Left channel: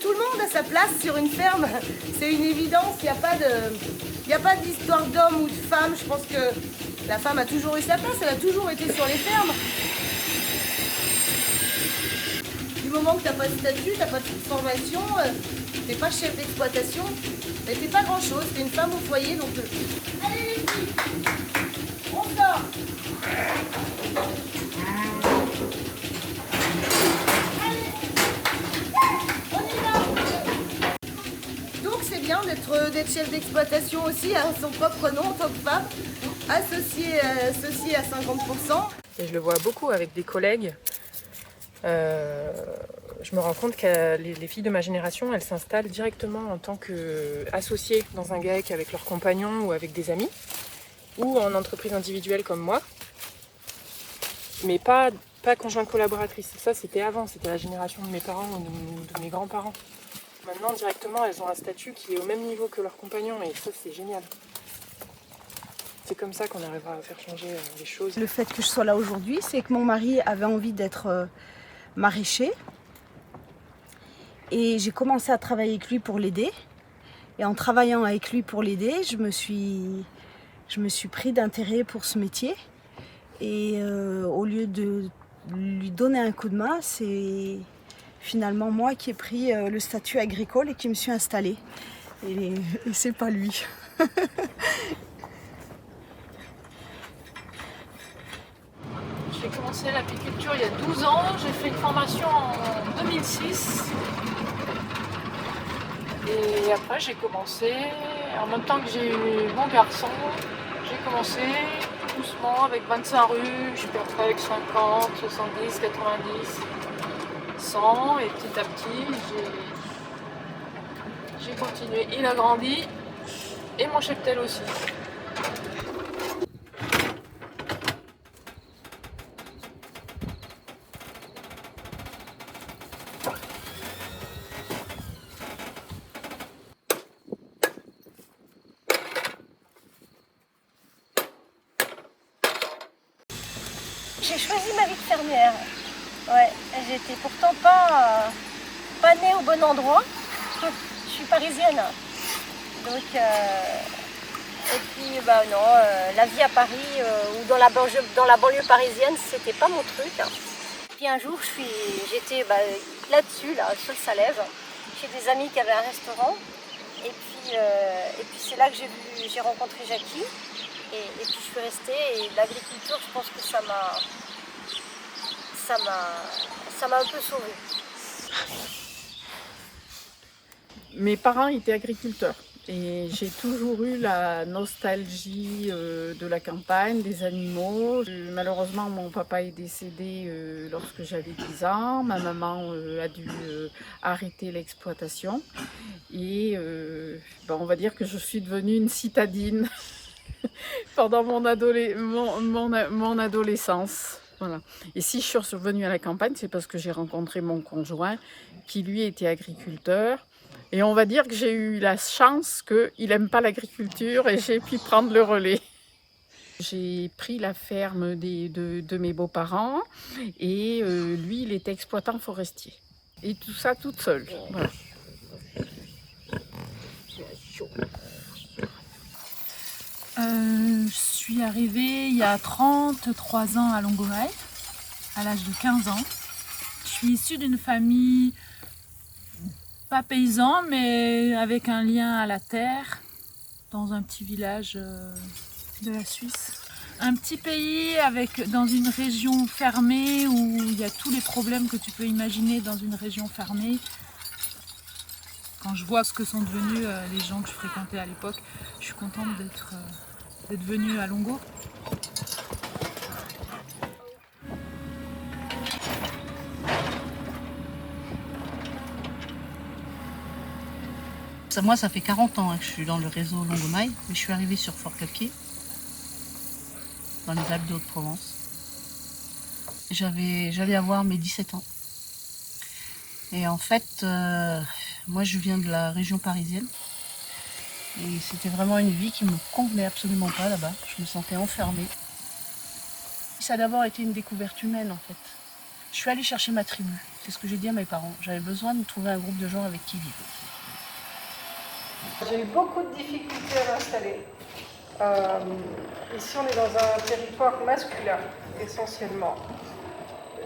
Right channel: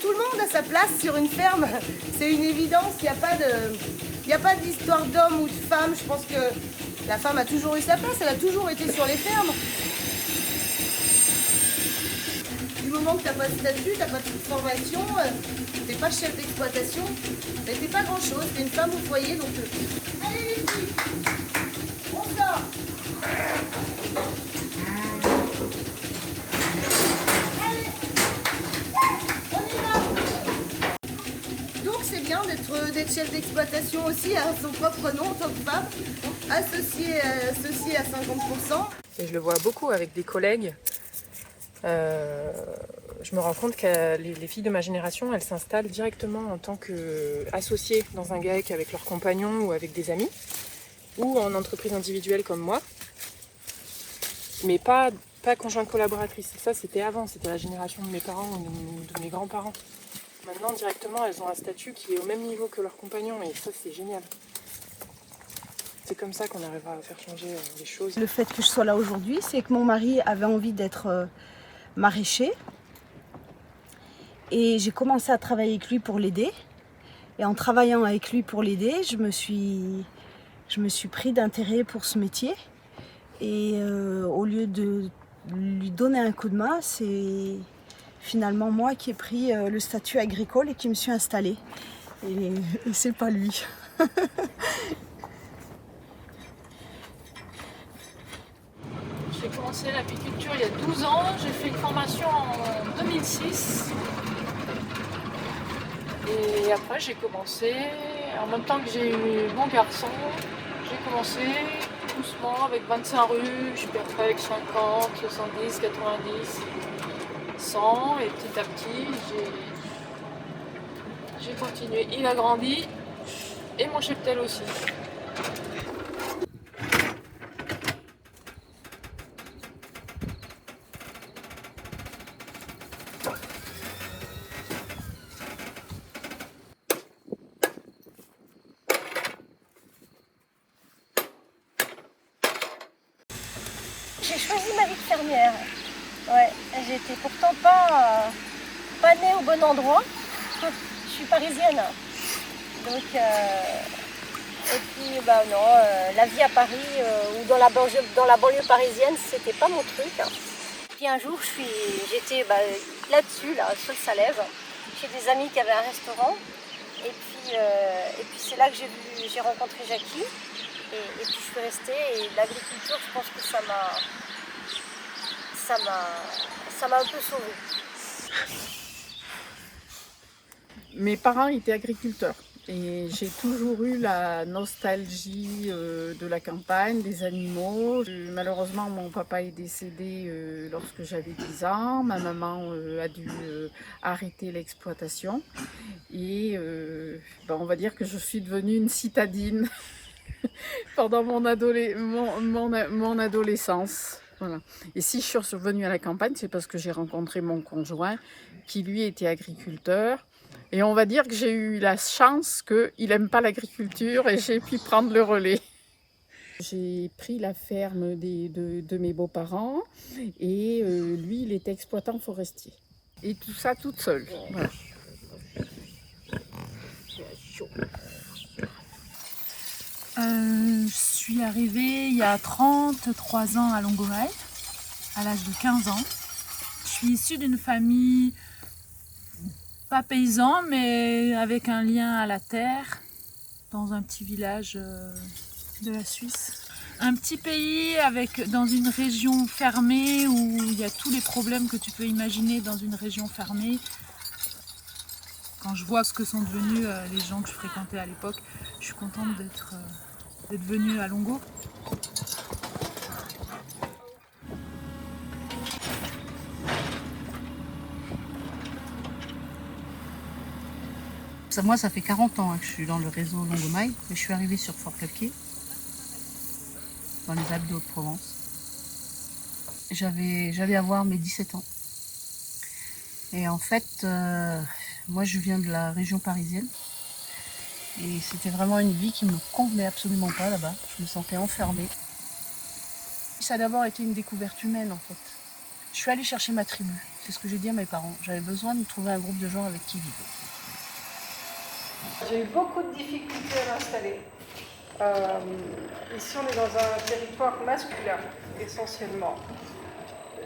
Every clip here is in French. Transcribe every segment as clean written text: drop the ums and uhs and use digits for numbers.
Tout le monde a sa place sur une ferme, c'est une évidence, il n'y a pas d'histoire d'homme ou de femme, je pense que la femme a toujours eu sa place, elle a toujours été sur les fermes. Du moment que tu n'as pas de statut, tu n'as pas de formation, tu n'es pas chef d'exploitation, tu n'es pas grand chose, tu es une femme au foyer, donc allez les filles, on sort. C'est bien d'être chef d'exploitation aussi à son propre nom en tant que femme, associée à 50%. Et je le vois beaucoup avec des collègues. Je me rends compte que les filles de ma génération, elles s'installent directement en tant qu'associées dans un GAEC avec leurs compagnons ou avec des amis, ou en entreprise individuelle comme moi, mais pas conjointe collaboratrice. Ça, c'était avant, c'était la génération de mes parents ou de mes grands-parents. Maintenant, directement, elles ont un statut qui est au même niveau que leurs compagnons, et ça, c'est génial. C'est comme ça qu'on arrivera à faire changer les choses. Le fait que je sois là aujourd'hui, c'est que mon mari avait envie d'être maraîcher. Et j'ai commencé à travailler avec lui pour l'aider. Et en travaillant avec lui pour l'aider, je me suis pris d'intérêt pour ce métier. Et au lieu de lui donner un coup de main, c'est finalement moi qui ai pris le statut agricole et qui me suis installée. Et c'est pas lui. J'ai commencé l'apiculture il y a 12 ans, j'ai fait une formation en 2006. Et après j'ai commencé, en même temps que j'ai eu mon garçon, j'ai commencé doucement avec 25 ruches, puis après avec 50, 70, 90, 100, et petit à petit j'ai continué. Il a grandi, et mon cheptel aussi. J'ai choisi ma vie de fermière. Ouais, j'étais pourtant pas née au bon endroit. Je suis parisienne. Donc, et puis non, la vie à Paris ou dans la banlieue parisienne, c'était pas mon truc. Puis un jour, j'étais là-dessus, là, sur le Salève, chez des amis qui avaient un restaurant. Et puis c'est là que j'ai rencontré Jackie. Et puis je suis restée, et l'agriculture, je pense que ça m'a un peu sauvée. Mes parents étaient agriculteurs et j'ai toujours eu la nostalgie de la campagne, des animaux. Malheureusement, mon papa est décédé lorsque j'avais 10 ans. Ma maman a dû arrêter l'exploitation et on va dire que je suis devenue une citadine pendant mon adolescence. Voilà. Et si je suis revenue à la campagne, c'est parce que j'ai rencontré mon conjoint qui lui était agriculteur. Et on va dire que j'ai eu la chance qu'il n'aime pas l'agriculture et j'ai pu prendre le relais. J'ai pris la ferme de mes beaux-parents et lui, il était exploitant forestier. Et tout ça toute seule. Voilà. Je suis arrivée il y a 33 ans à Longomaille, à l'âge de 15 ans. Je suis issue d'une famille pas paysan, mais avec un lien à la terre, dans un petit village de la Suisse. Un petit pays dans une région fermée où il y a tous les problèmes que tu peux imaginer dans une région fermée. Quand je vois ce que sont devenus les gens que je fréquentais à l'époque, je suis contente d'être venue à Longo. Moi, ça fait 40 ans que je suis dans le réseau Longomaille, mais je suis arrivée sur Fort-Clapier, dans les Alpes de Haute-Provence. J'allais avoir mes 17 ans. Et en fait, moi je viens de la région parisienne. Et c'était vraiment une vie qui ne me convenait absolument pas là-bas. Je me sentais enfermée. Ça a d'abord été une découverte humaine en fait. Je suis allée chercher ma tribu. C'est ce que j'ai dit à mes parents. J'avais besoin de trouver un groupe de gens avec qui vivre. J'ai eu beaucoup de difficultés à m'installer. Ici, on est dans un territoire masculin, essentiellement.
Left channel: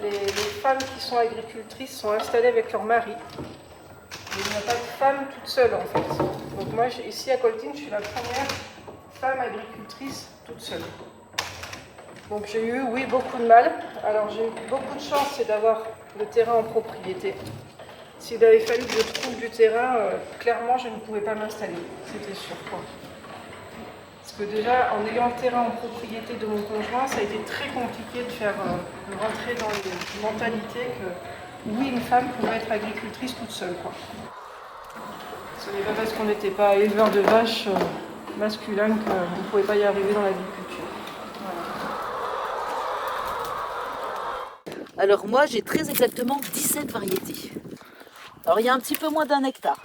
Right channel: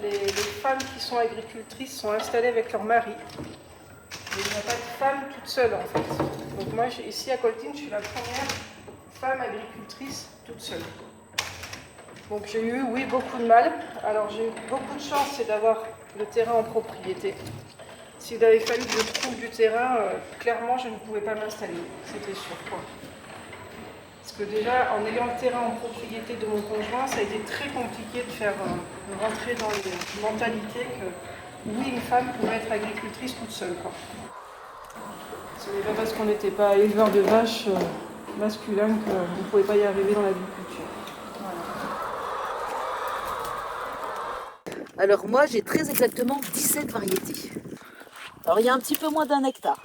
Les femmes qui sont agricultrices sont installées avec leur mari. Mais il n'y a pas de femme toute seule, en fait. Donc moi, ici à Coltine, je suis la première femme agricultrice toute seule. Donc j'ai eu, oui, beaucoup de mal. Alors j'ai eu beaucoup de chance, c'est d'avoir le terrain en propriété. S'il avait fallu que je trouve du terrain, clairement, je ne pouvais pas m'installer. C'était sûr, quoi. Parce que déjà, en ayant le terrain en propriété de mon conjoint, ça a été très compliqué de faire rentrer dans les mentalités que, oui, une femme pouvait être agricultrice toute seule, quoi. Ce n'est pas parce qu'on n'était pas éleveur de vaches masculin qu'on ne pouvait pas y arriver dans l'agriculture. Alors moi, j'ai très exactement 17 variétés. Alors il y a un petit peu moins d'1 hectare.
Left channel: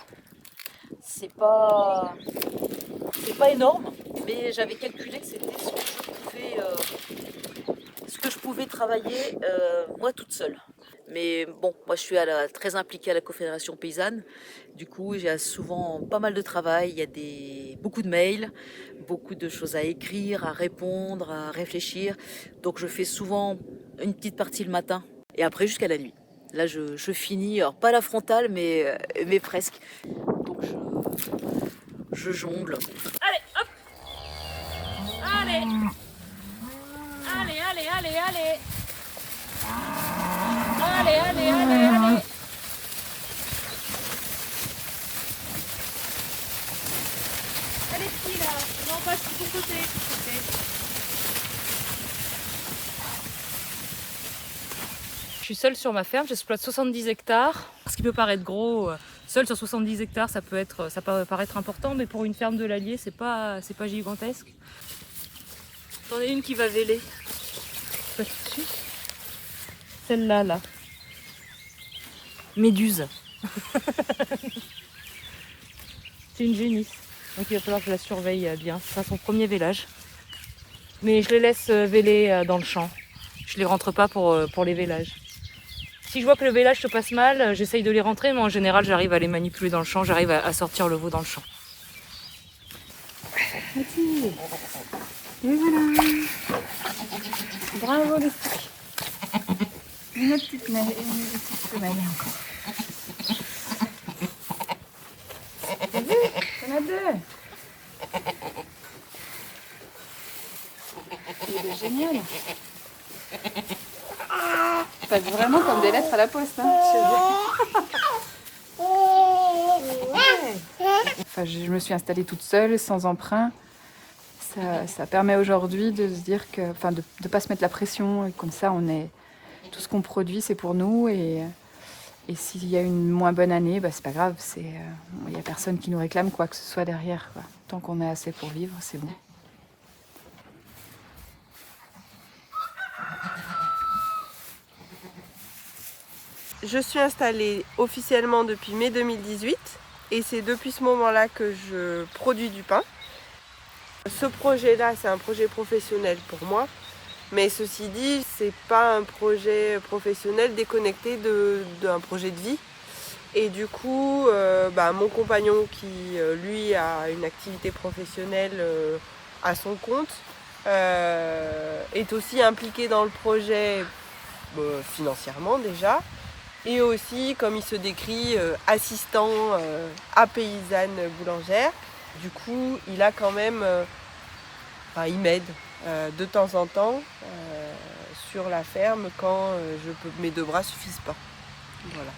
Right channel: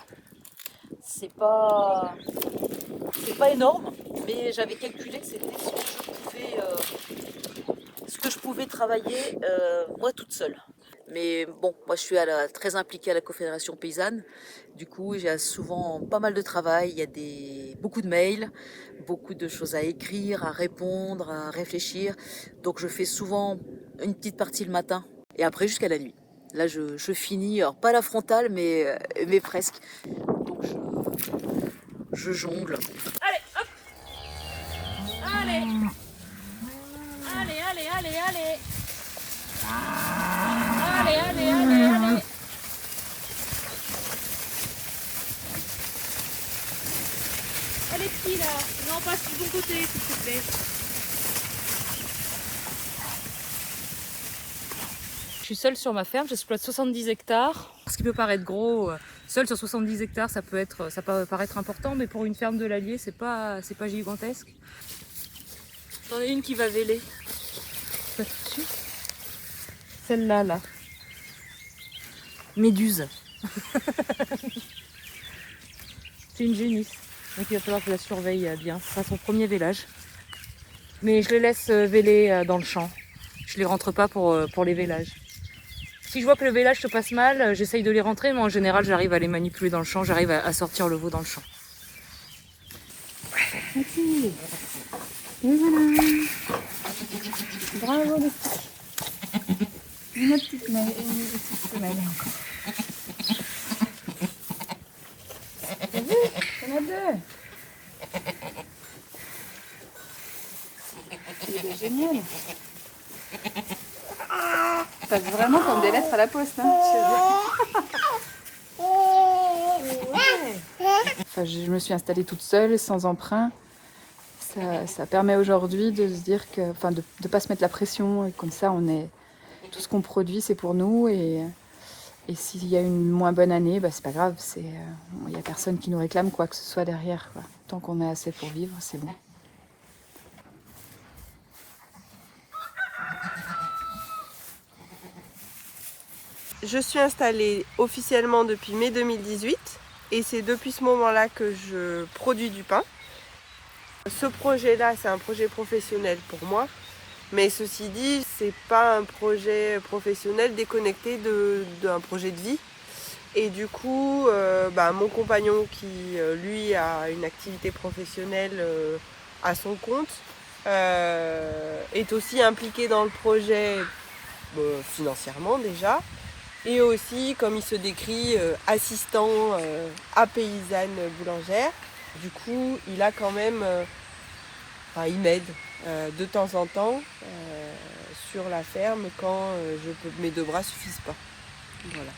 C'est pas énorme, mais j'avais calculé que c'était ce que je pouvais travailler moi toute seule. Mais bon, moi je suis très impliquée à la Confédération Paysanne. Du coup, j'ai souvent pas mal de travail. Il y a beaucoup de mails, beaucoup de choses à écrire, à répondre, à réfléchir. Donc je fais souvent une petite partie le matin et après jusqu'à la nuit. Là, je finis, alors pas la frontale, mais presque. Donc je jongle. Allez, hop. Allez. Allez, allez, allez, allez. Allez, allez, allez, allez. Allez, petit là. Non, passe du bon côté, s'il te plaît. Je suis seule sur ma ferme, j'exploite 70 hectares. Ce qui peut paraître gros, seule sur 70 hectares, ça peut paraître important, mais pour une ferme de l'Allier, c'est pas gigantesque. J'en ai une qui va véler. Celle-là, là. Méduse. C'est une génisse. Donc il va falloir que je la surveille bien. C'est son premier vélage. Mais je les laisse véler dans le champ. Je les rentre pas pour les vélages. Si je vois que le vélage se passe mal, j'essaye de les rentrer, mais en général, j'arrive à les manipuler dans le champ, j'arrive à sortir le veau dans le champ. Et voilà. Bravo les petits. Une petite semelle encore. T'as vu? T'en as deux. C'est génial. Ça fait vraiment comme des lettres à la poste, hein. Enfin, je me suis installée toute seule, sans emprunt. Ça permet aujourd'hui de se dire que, enfin, de ne pas se mettre la pression. Et comme ça, tout ce qu'on produit, c'est pour nous. Et s'il y a une moins bonne année, bah, c'est pas grave. Il n'y a personne qui nous réclame quoi que ce soit derrière, quoi. Tant qu'on a assez pour vivre, c'est bon. Je suis installée officiellement depuis mai 2018 et c'est depuis ce moment-là que je produis du pain. Ce projet-là, c'est un projet professionnel pour moi, mais ceci dit, c'est pas un projet professionnel déconnecté d'un projet de vie. Et du coup, mon compagnon qui, lui, a une activité professionnelle à son compte, est aussi impliqué dans le projet financièrement déjà. Et aussi, comme il se décrit, assistant à paysanne boulangère. Du coup, il a quand même, il m'aide de temps en temps sur la ferme quand mes deux bras suffisent pas. Voilà.